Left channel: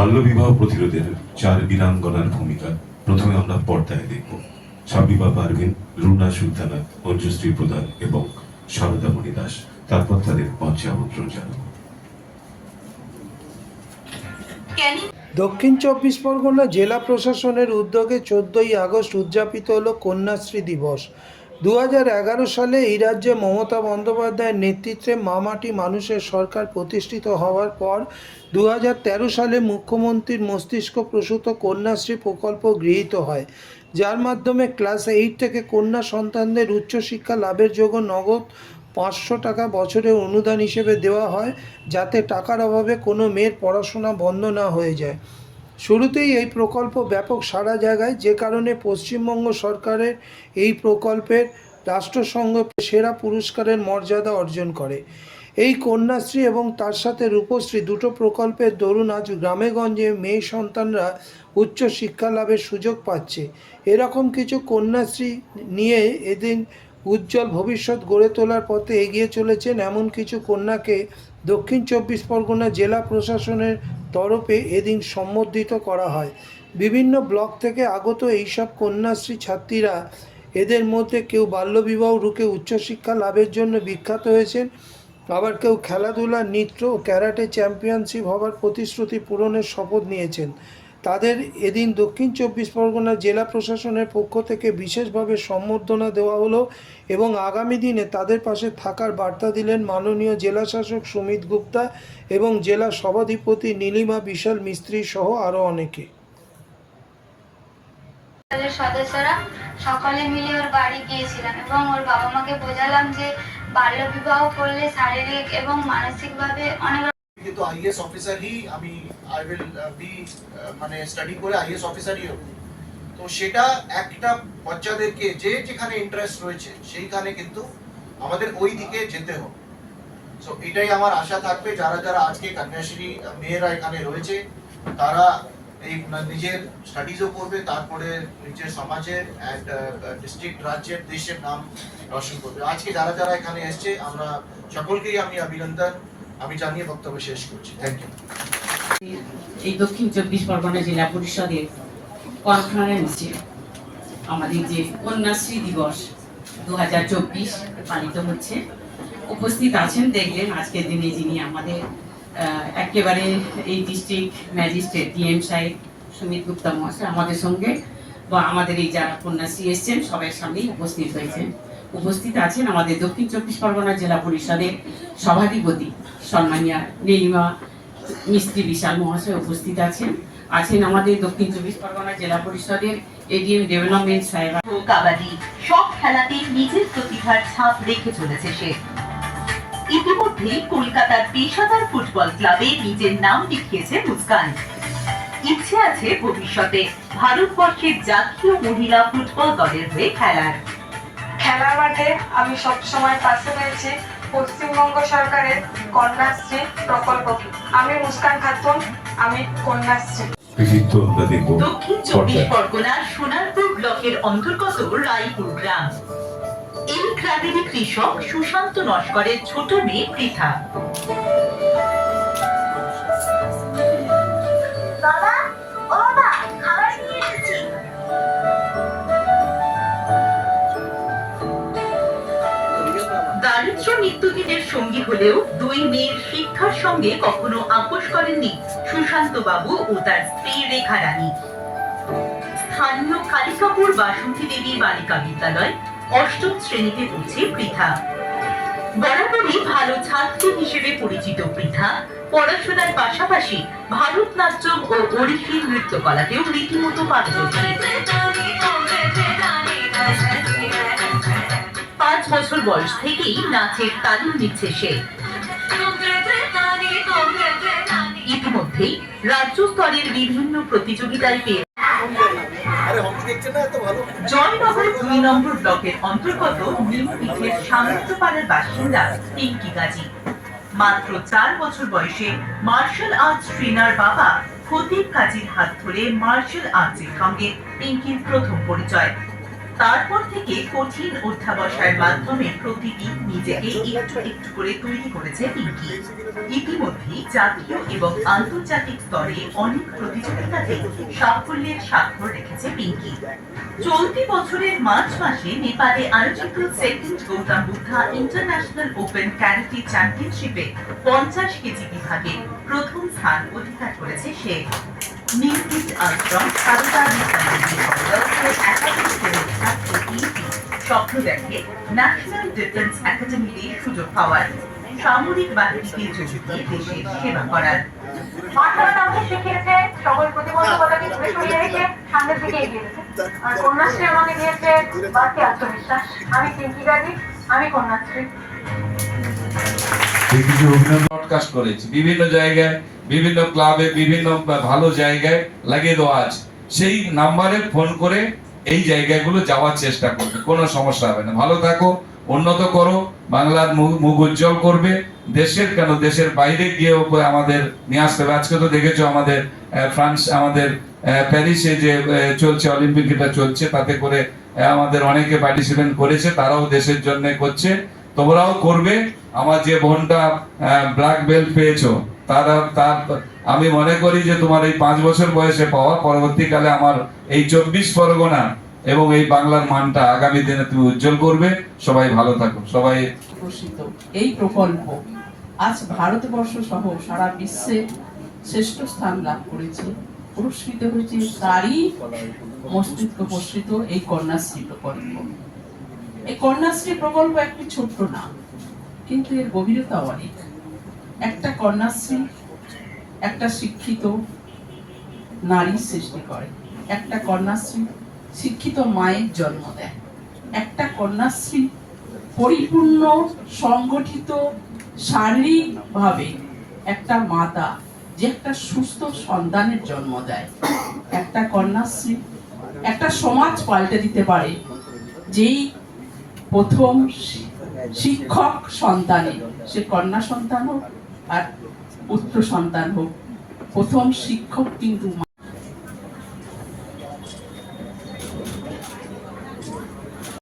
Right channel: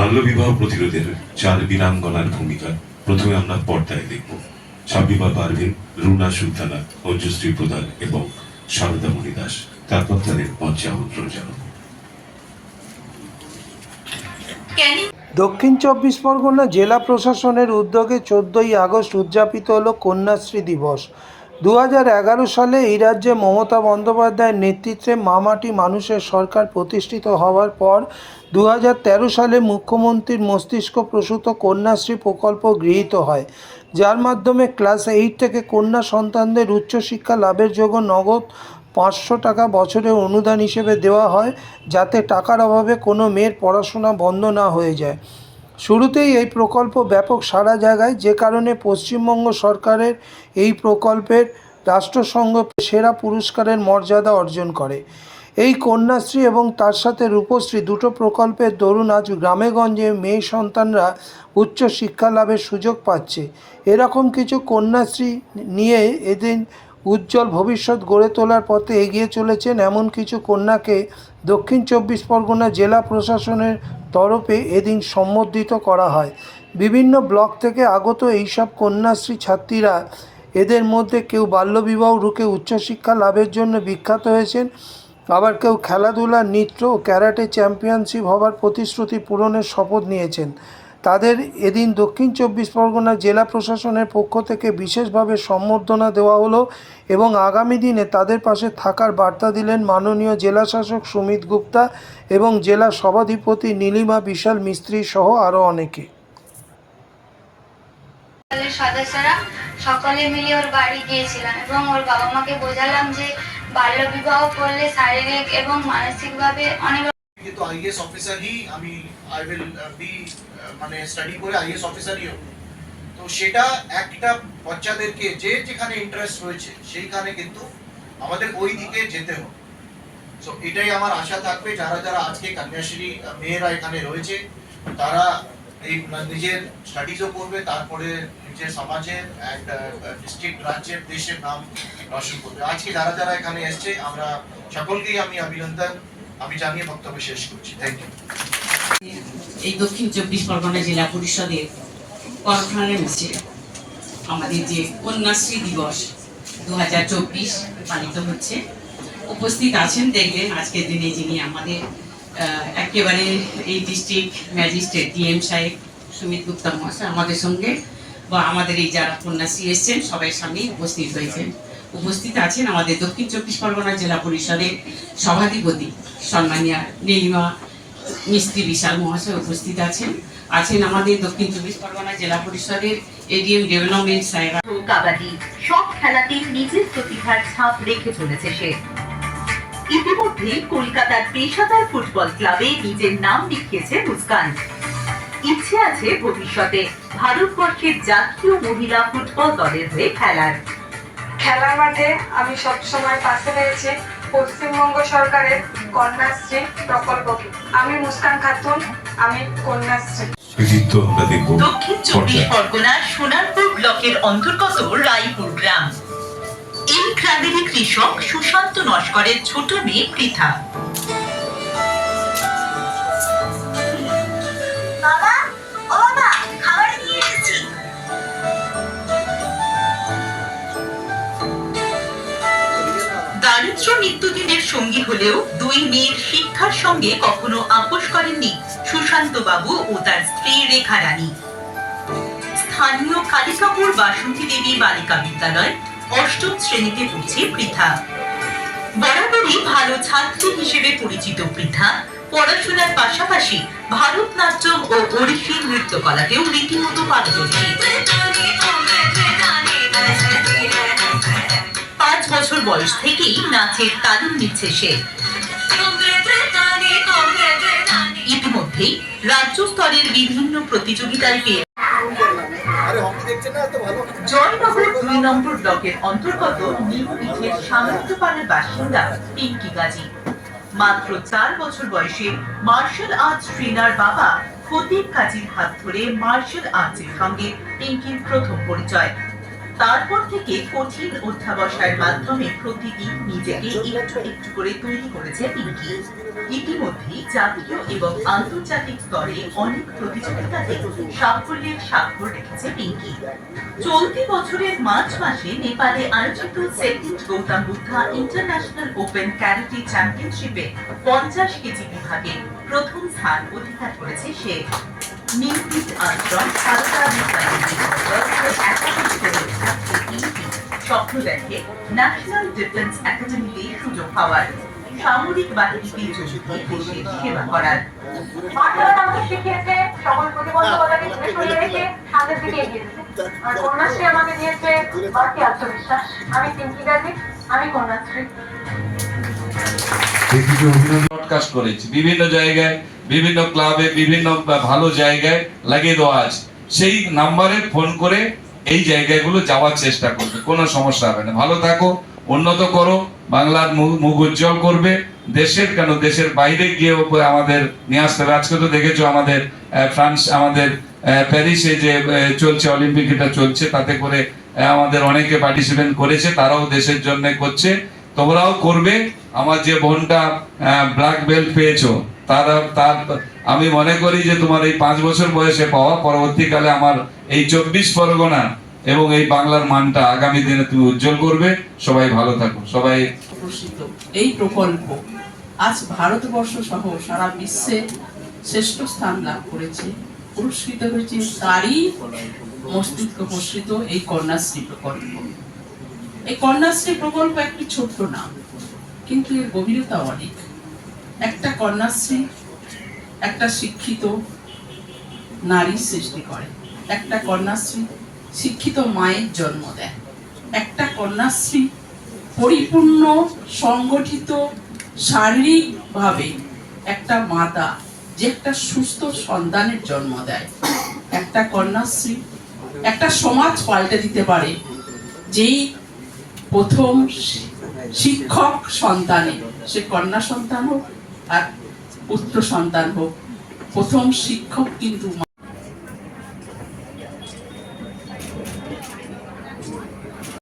বাল্যবিবাহ প্রতিরোধের 4 বীরাঙ্গনার ভূমিকা প্রথমে আমরা পর্দায় দেখব। সাবিবা পারভিন, রুনা সুলতানা, মঞ্জুশ্রী প্রধান এবং সারদামণি দাস। তারপর তাদের মঞ্চে আমন্ত্রণ জানাবো। দক্ষিণ চব্বিশ পরগনা জেলা প্রশাসনের উদ্যোগে 14ই আগস্ট উদযাপিত হল কন্যাশ্রী দিবস। 2011 সালে এই রাজ্যে মমতা বন্দ্যোপাধ্যায়ের নেতৃত্বে মামাটি মানুষের সরকার প্রতিষ্ঠিত হওয়ার পর 2013 সালে মুখ্যমন্ত্রীর মস্তিষ্ক প্রসূত কন্যাশ্রী প্রকল্প গৃহীত হয়, যার মাধ্যমে ক্লাস 8 থেকে কন্যা সন্তানদের উচ্চশিক্ষা লাভের জন্য নগদ 500 টাকা বছরে অনুদান হিসেবে দেওয়া হয়, যাতে টাকার অভাবে কোনো মেয়ের পড়াশোনা বন্ধ না হয়ে যায়। শুরুতেই এই প্রকল্প ব্যাপক সাড়া জাগায়, যে কারণে পশ্চিমবঙ্গ সরকারের এই প্রকল্পের রাষ্ট্রসংঘ সেরা পুরস্কারের মর্যাদা অর্জন করে। এই কন্যাশ্রী এবং তার সাথে রূপশ্রী দুটো প্রকল্পের দরুন আজ গ্রামেগঞ্জে মেয়ে সন্তানরা উচ্চ শিক্ষা লাভের সুযোগ পাচ্ছে। এরকম কিছু কন্যাশ্রী নিয়ে এদিন উজ্জ্বল ভবিষ্যৎ গড়ে তোলার পথে এগিয়ে চলেছেন এমন কিছু কন্যাকে দক্ষিণ চব্বিশ পরগনা জেলা প্রশাসনের তরফে এদিন সম্বর্ধিত করা হয়। বিভিন্ন ব্লক থেকে আগত এইসব কন্যাশ্রী ছাত্রীরা, এদের মধ্যে কেউ বাল্যবিবাহ রুখে উচ্চশিক্ষা লাভের জন্য বিখ্যাত হয়েছেন, আবার কেউ খেলাধুলা, নৃত্য ও ক্যারাটে চ্যাম্পিয়নশিপ হবার প্রতিশ্রুতি পূরণের শপথ নিয়েছেন। তাদের এদিন দক্ষিণ চব্বিশ পরগনা জেলা প্রশাসনের পক্ষ থেকে বিশেষভাবে সম্বর্ধনা দেওয়া হলো এবং আগামী দিনে তাদের পাশে থাকার বার্তা দিলেন মাননীয় জেলাশাসক সুমিত গুপ্তা এবং জেলা সভাধিপতি নীলিমা বিশাল মিস্ত্রি সহ আরও অনেকে। সদস্যরা সকলে মিলে ওর বাড়ি গিয়েছিলাম এবং ওর বাবা মাকে বোঝালাম যে বাল্যবিবাহ করলে শারীরিক এবং মানসিকভাবে অনেক তো আইএস অফিসার হি আমি আই উইল বি মানে স্টাডি করে আইএস অফিসারই হব। তো সেটা একটা বাচ্চাদেরকে যে যেখানে ইন্টারেস্ট রয়েছে সেইখানে কিন্তু আমাদের ওই দিকে যেতে হবে। সো এটাই আমার আশা থাকবে, যারা যারা আজকে কন্যাশ্রী মেয়েরা এখানে রয়েছে তারা এই নিজের স্টাডিজও করবে, তারপরে নিজের সমাজের অ্যান্ড ডিস্ট্রিক্ট, রাজ্যের, দেশের নাম রোশন করবে। আজকে যারা যারা এখানে এসছে আমরা সকলকেই আমি অভিনন্দন আমি জানিয়ে বক্তব্য শেষ করছি। Thank you. এই দক্ষিণ চব্বিশ পরগনা জেলা পরিষদের কনফারেন্সে আমাদের যে কন্যাশ্রী দিবস 2024 পালিত হচ্ছে, উপস্থিত আছেন দেখলেন আজকের দিনে যিনি আমাদের একেবারে এই ডিস্ট্রিক্ট ম্যাজিস্ট্রেট ডিএম সাহেব সুমিত গুপ্তা মহাশয় আমাদের সঙ্গে বা আমাদের এই যারা কন্যাশ্রী এসছেন সবাই সামনেই উপস্থিত হয়েছেন। উপস্থিত আছেন আমাদের দক্ষিণ চব্বিশ পরগনা জেলা পরিষদের সভাধিপতি সম্মানীয় নীলিমা মিস্ত্রি বিশাল মহাশয় উপস্থিত আছেন। আমাদের দক্ষিণ চব্বিশ পরগনা জেলা পরিষদের এডিএম ডেভেলপমেন্ট সাহেব। কাবাডি সব খেলাতেই নিজের প্রতিভার ছাপ রেখে চলেছে সে। ইতিমধ্যে কলকাতার পেশাদার ফুটবল ক্লাবে নিজের নাম লিখিয়েছে মুস্কান। ইচ্ছে আছে ভবিষ্যতে ভারতবর্ষের জাতীয় মহিলা ফুটবল দলের হয়ে খেলার মাঠে আমি সবসময় পাশে রয়েছি পশ্চিমবঙ্গ সরকারের কন্যাশ্রী প্রকল্পকে। আমি মুস্কান খাতুন, আমি কন্যাশ্রী। দক্ষিণ চব্বিশ পরগনার সোনারপুর ব্লকের অন্তর্গত রায়পুর গ্রাম। এই গ্রামেরই কৃষক সুশান্ত নস্করের ছোট মেয়ে পৃথা। দারিদ্র নিত্যদিনের সঙ্গী হলেও দুই মেয়ের শিক্ষার সঙ্গে কখনো আপোষ করেননি সুশান্ত বাবু ও তার স্ত্রী রেখা রানী। স্থানীয় কালিকাপুর বাসন্তী দেবী বালিকা বিদ্যালয় 8ম শ্রেণীতে পড়ছে পৃথা। বরাবরই ভালো ছাত্রী হিসেবে পরিচিত পৃথা পড়াশোনার পাশাপাশি ভারতনাট্যম ও ওড়িশি নৃত্যকলাতেও রীতিমতো পারদর্শী। 5 বছর বয়স থেকেই নাচের তালিম নিচ্ছে সে। ইতিমধ্যেই রাজ্য স্তরের বিভিন্ন প্রতিযোগিতায় পেয়ে জয়নগর 2 নম্বর ব্লকের অন্তর্গত নিমপিঠের সামন্তপাড়ার বাসিন্দা পিঙ্কি গাজী। মাত্র 4 বছর বয়সে মার্শাল আর্টস ট্রেনার বাবা ফতিক কাজীর হাত ধরে মার্শাল আর্টসের সঙ্গে পিঙ্কির প্রথম পরিচয়। তারপর থেকে কঠিন অধ্যাবসায়ের মাধ্যমে প্রতিদিন নিজেকে একটু একটু করে তৈরি করেছে পিঙ্কি। ইতিমধ্যেই জাতীয় এবং আন্তর্জাতিক স্তরে অনেক প্রতিযোগিতাতে সাফল্যের স্বাক্ষর রেখেছে পিঙ্কি। চলতি বছরের মার্চ মাসে নেপালে আয়োজিত second Gautam Buddha international open karate চ্যাম্পিয়নশিপে 50 কেজি বিভাগে প্রথম স্থান অধিকার করেছে সে। নির্ভীক আশ্রম সারদা স্বপ্ন দেখে ন্যাশনাল ডিফেন্স একাডেমিতে সুযোগ পাওয়ার, সামরিক বাহিনীতে যোগ দিয়ে দেশের সেবা করার। মাতারা আমাকে শিখিয়েছে সকল প্রতিবন্ধকতাকে দূরে সরিয়ে রেখে সামনের দিকে এগিয়েছে। আর কন্যাশ্রী আমাকে দিয়েছে বাড়তি আত্মবিশ্বাস। আমি পিঙ্কি গাজী, আমি কন্যাশ্রী। ব্রডকাস্ট করেছি বিভিন্ন জায়গায়, বিভিন্ন ক্লাবে, বিভিন্ন ভালো জায়গায় লাগিয়ে দেওয়া আছে। সেই নাম্বারে ফোন করে এই জায়গাগুলো যাওয়ার চেষ্টা করবে, কোনো সমস্যা হবে না। ভালো থাকো, উন্নত করো, বাংলার মুখ উজ্জ্বল করবে। দেশের কেন, দেশের বাইরে গিয়ে আমাদের নিয়ে আসতে হবে। আজকে তো দেখেছো আমাদের ফ্রান্স, আমাদের প্যারিসে যে চলছে অলিম্পিক, এটা চলছে, তাতে করে আমাদের অনেকে পার্টিসিপেট করেছে, তারাও দেশের জন্য করছে, তোমরাও করবে। আমার যে বোনটা ব্ল্যাক বেল্ট পেয়েছো, তার আমি মনে করি যে তোমার এই 5 বছর বয়সে পাওয়া পরবর্তীকালে আমার এই 24 পরগনা এবং এই বাংলার মানটা আগামী দিনে তুমি উজ্জ্বল করবে। সবাই ভালো থাকো, সবাই। প্রসিদ্ধ এই প্রকল্প আজ ভারতবর্ষ সহ সারা বিশ্বে শ্রেষ্ঠ স্থান লাভ করেছে, পুরস্কৃত হয়েছে। তারই মস্তিষ্ক প্রসৃত এই কন্যাশ্রী প্রকল্প। এই কন্যাশ্রী প্রকল্প একটি ছোট্ট নাম, কিন্তু এর গভীরতা অনেক। একটা কন্যাশ্রী একটা শিক্ষিত নারী সৃষ্টি করে, একটা কন্যাশ্রী শিক্ষিত মায়ের জন্ম দেয়, একটা কন্যাশ্রী পরিপূর্ণ সংগঠিত শারীরিকভাবে একটা মাতা যে একটা সুস্থ সন্তানের জন্ম দেয়। একটা কন্যাশ্রী একটা সমাজ পাল্টে দিতে পারে, যেই প্রথম শিক্ষক সন্তানে, সে কন্যা সন্তান হোক আর পুত্র সন্তান হোক, প্রথম শিক্ষক কিন্তু